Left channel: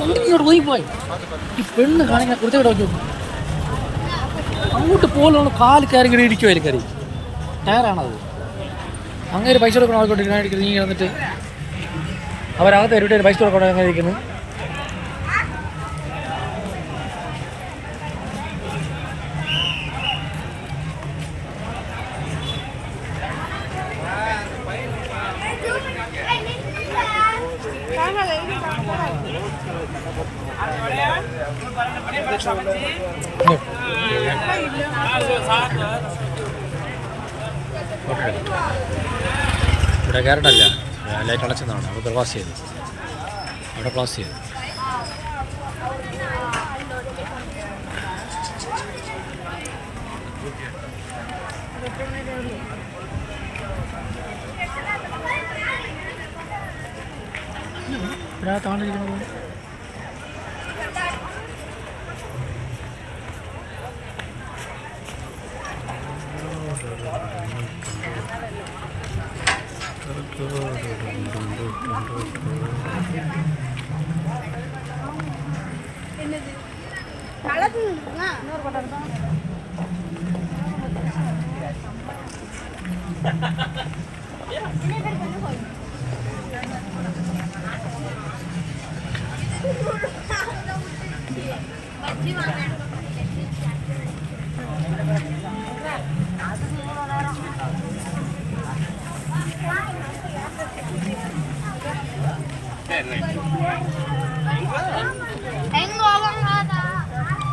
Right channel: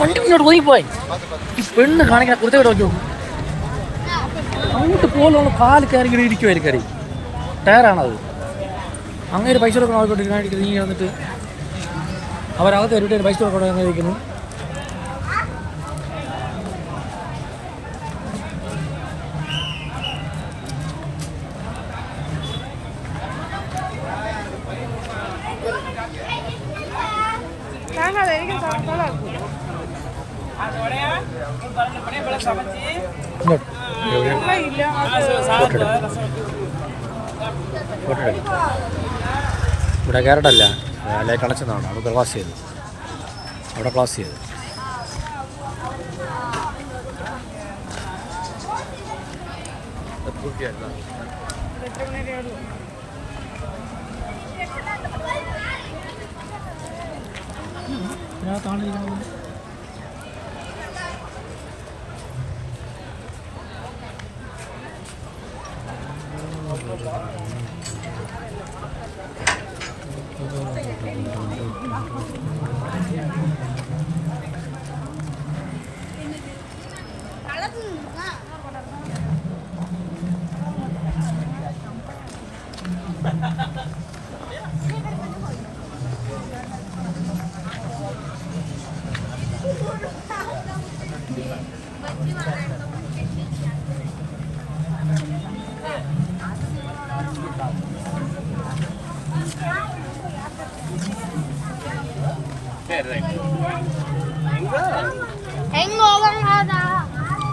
വണ്ടി പോയി മുന്നോട്ട് ഒതുങ്ങിപ്പോയി ഈ പെണ്ണ് കാണിക്കാൻ കുറുത്തെ ഇവിടെ നോക്കി അങ്ങോട്ട് പോലുള്ള കാൽ കയറി ഇങ്ങനെ ഇരിക്കുമായിരിക്കും കയറി ടയറാണത്. അങ്ങനെ പൈസ കൊടുക്കണം ആൾക്കോട്ട് ഇരിക്കുന്നത് നീ വന്നിട്ട് അവരകത്ത് എവിടെ പൈസ കൊടുക്കണം അങ്ങനെ ഇരിക്കുന്നു. ഇവിടെ കയറട്ടല്ല ലൈറ്റ് അടച്ചതാണ് അവിടെ ക്ലാസ് ചെയ്തു അവിടെ ക്ലാസ് ചെയ്തു എത്ര മണി വരെ ഉള്ളൂ പിന്നെ ആ താണ്ടിരിക്കണത്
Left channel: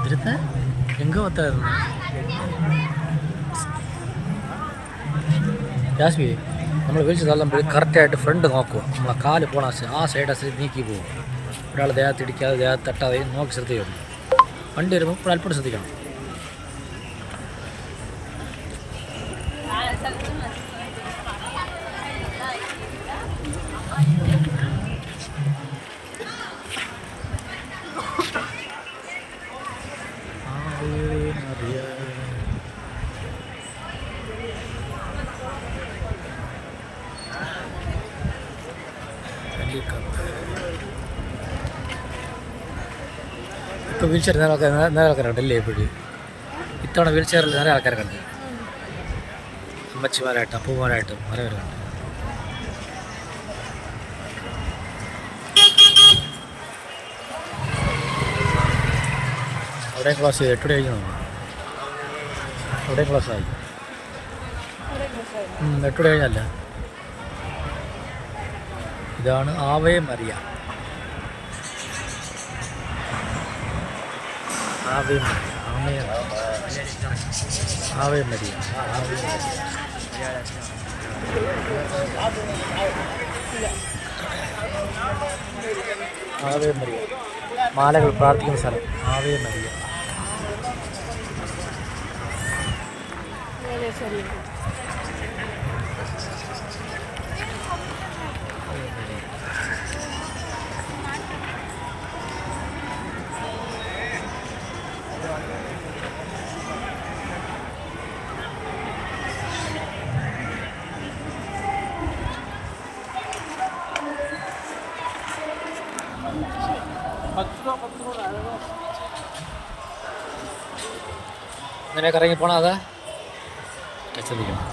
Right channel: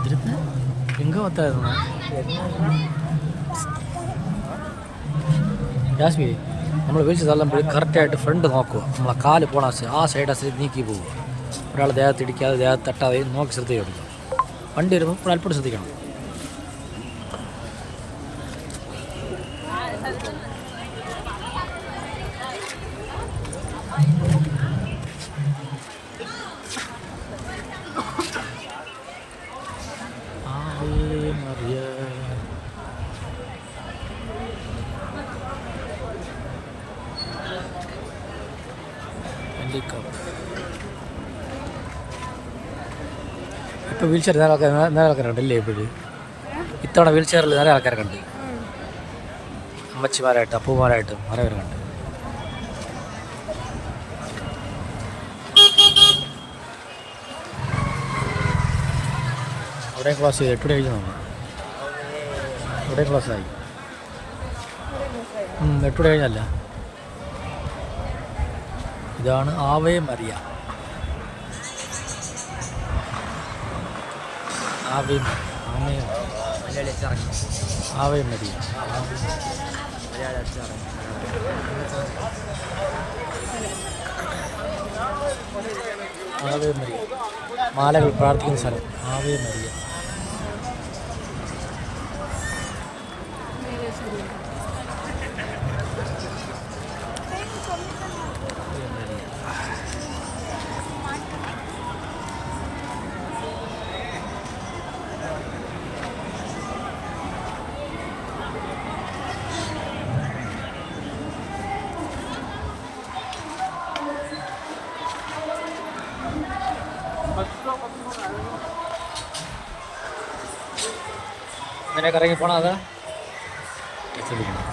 ഇതിരുത്ത് എങ്ക പത്തായിരുന്നു ജാസ്മി നമ്മൾ വിളിച്ച് തള്ളുമ്പോൾ കറക്റ്റായിട്ട് ഫ്രണ്ട് നോക്കുക നമ്മളെ കാല് പോണ ആ സൈഡ് ആ സൈഡ് നീക്കി പോവുക ഒരാൾ ദേഹത്ത് ഇടിക്കാതെ ദേഹത്ത് തട്ടാതെ നോക്കി ശ്രദ്ധിക്കുക വണ്ടി വരുമ്പോൾ ഇപ്പോൾ അല്പം ശ്രദ്ധിക്കണം ആവേ ഇപ്പോൾ വീൽ ചെയർ നേരെ ആൾക്കാർ കണ്ടില്ലേ ഇപ്പോഴും? ഇത്തവണ വീൽ ചെയറിൽ നേരെ ആൾക്കാരെ കണ്ട്. അമ്മച്ചിമാരായിട്ടും അപ്പൂമാരായിട്ടും കുറേ പേര് കണ്ട്. അവിടെ ക്ലാസ് ചെയ്തു എട്ട് കഴിഞ്ഞ് തോന്നുന്നു. അവിടെ ക്ലാസ് ആയി. എട്ട് കഴിഞ്ഞല്ല. ഇതാണ് ആവേ മരിയ ആവേ മതി ആമേ ആവേ മതി ആവേ ആവേ മരിയ മാലകൾ പ്രാർത്ഥിക്കുന്ന സ്ഥലം. ആവേ മരിയ ഇങ്ങനെ കറങ്ങി പോണ അതാ? ശ്രദ്ധിക്കണം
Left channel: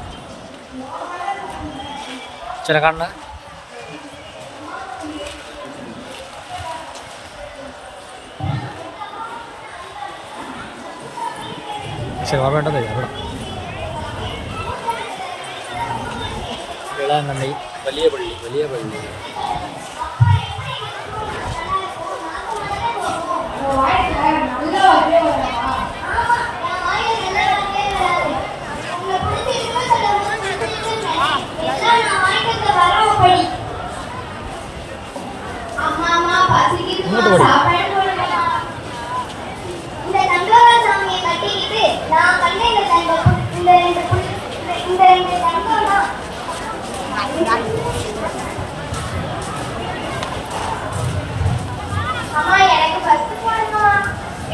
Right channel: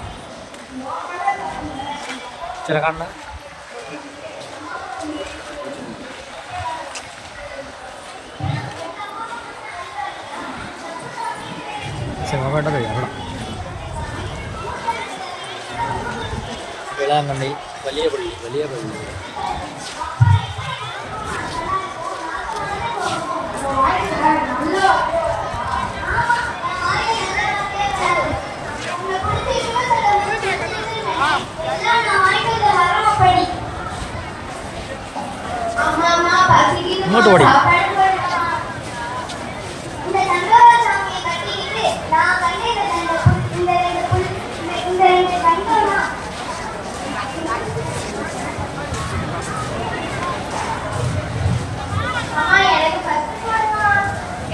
ചില കാണണ. ശരി വേണ്ടത് അവിടെ. വേളാങ്കണ്ണി വലിയ പള്ളി വലിയ പള്ളി. இங்கோட்டு ஓடி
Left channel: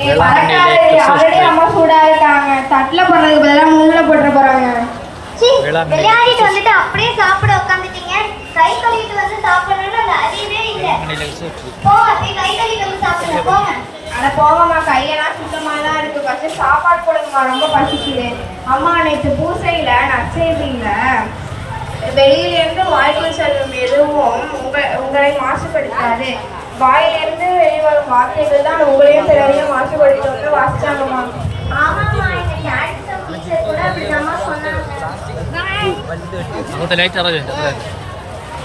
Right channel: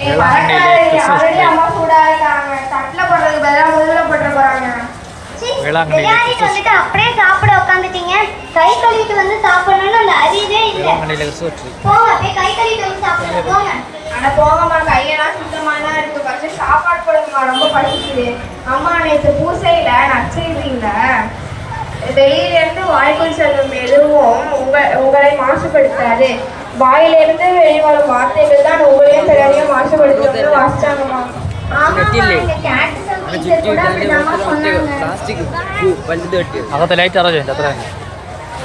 வேளாங்கண்ணியிலே கிறிஸ்துவ தட்டில் போடுறதுக்கு பதிலாக முள்ளில் போட்டுற போகிறாங்க வேளாங்கண்ணியிலே வந்துட்டு அப்படியே சாப்பிட உட்காந்துட்டீங்க கை கழுவிட்டு வந்து சாப்பிடணும்னு அந்த அறிவே இல்லை. வேளாங்கண்ணியில் கிறிஸ்துமஸ் ட்ரீ போங்க அப்படியே கை கழுவிட்டு வந்து சாப்பிடுங்க. போங்க. அட போங்கம்மா கையெல்லாம் சுத்தமா தான் இருக்கு. சாப்பாடு போடுங்கம்மா ரொம்ப பசிக்குது. அம்மா நேற்று பூசையில நற்செய்தியில வெளியில இருந்து வாய்க்குள் செல்லும் எதுவும் உங்க உங்களை மாசுபடுத்தாது. வாயிலிருந்து வெளிவரும் வார்த்தைகள் தான் உங்களையும் பிறரையும் மாசுபடுத்துவது வாசிச்சாங்கம்மா. അകത്തെ ലൈറ്റ് അറേഞ്ച് ചെയ്യുന്നുണ്ട് അത്ര തന്നെ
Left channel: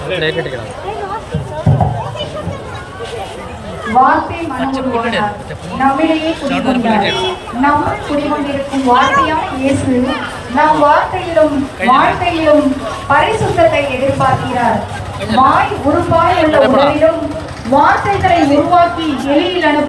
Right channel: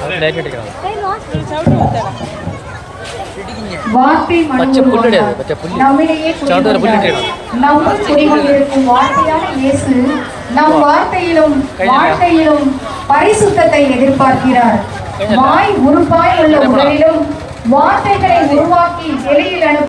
അകത്ത് ലൈറ്റ് ഇട്ടിരിക്കണം வார்த்தை പച്ച மனோருவானார். പുല്ലിടേ പച്ച പുല്ല് நம்மிடையே ചവിട്ടുവരെ குடிகொண்டார். പുല്ലിട്ടേ நம்முடன் குடிகொண்டிருக்கும் வார்த்தையான இயேசு நம் வார்த்தையிலும் வாழ்க்கையிலும் பரிசுத்தத்தை எதிர்பார்க்கிறார் கையெல்லாம். வாய் உருவாய் உள்ள எடை போடா. உடலிலும் வார்த்தைகளை உருவாக்கி வெளியில் அனுப்பும்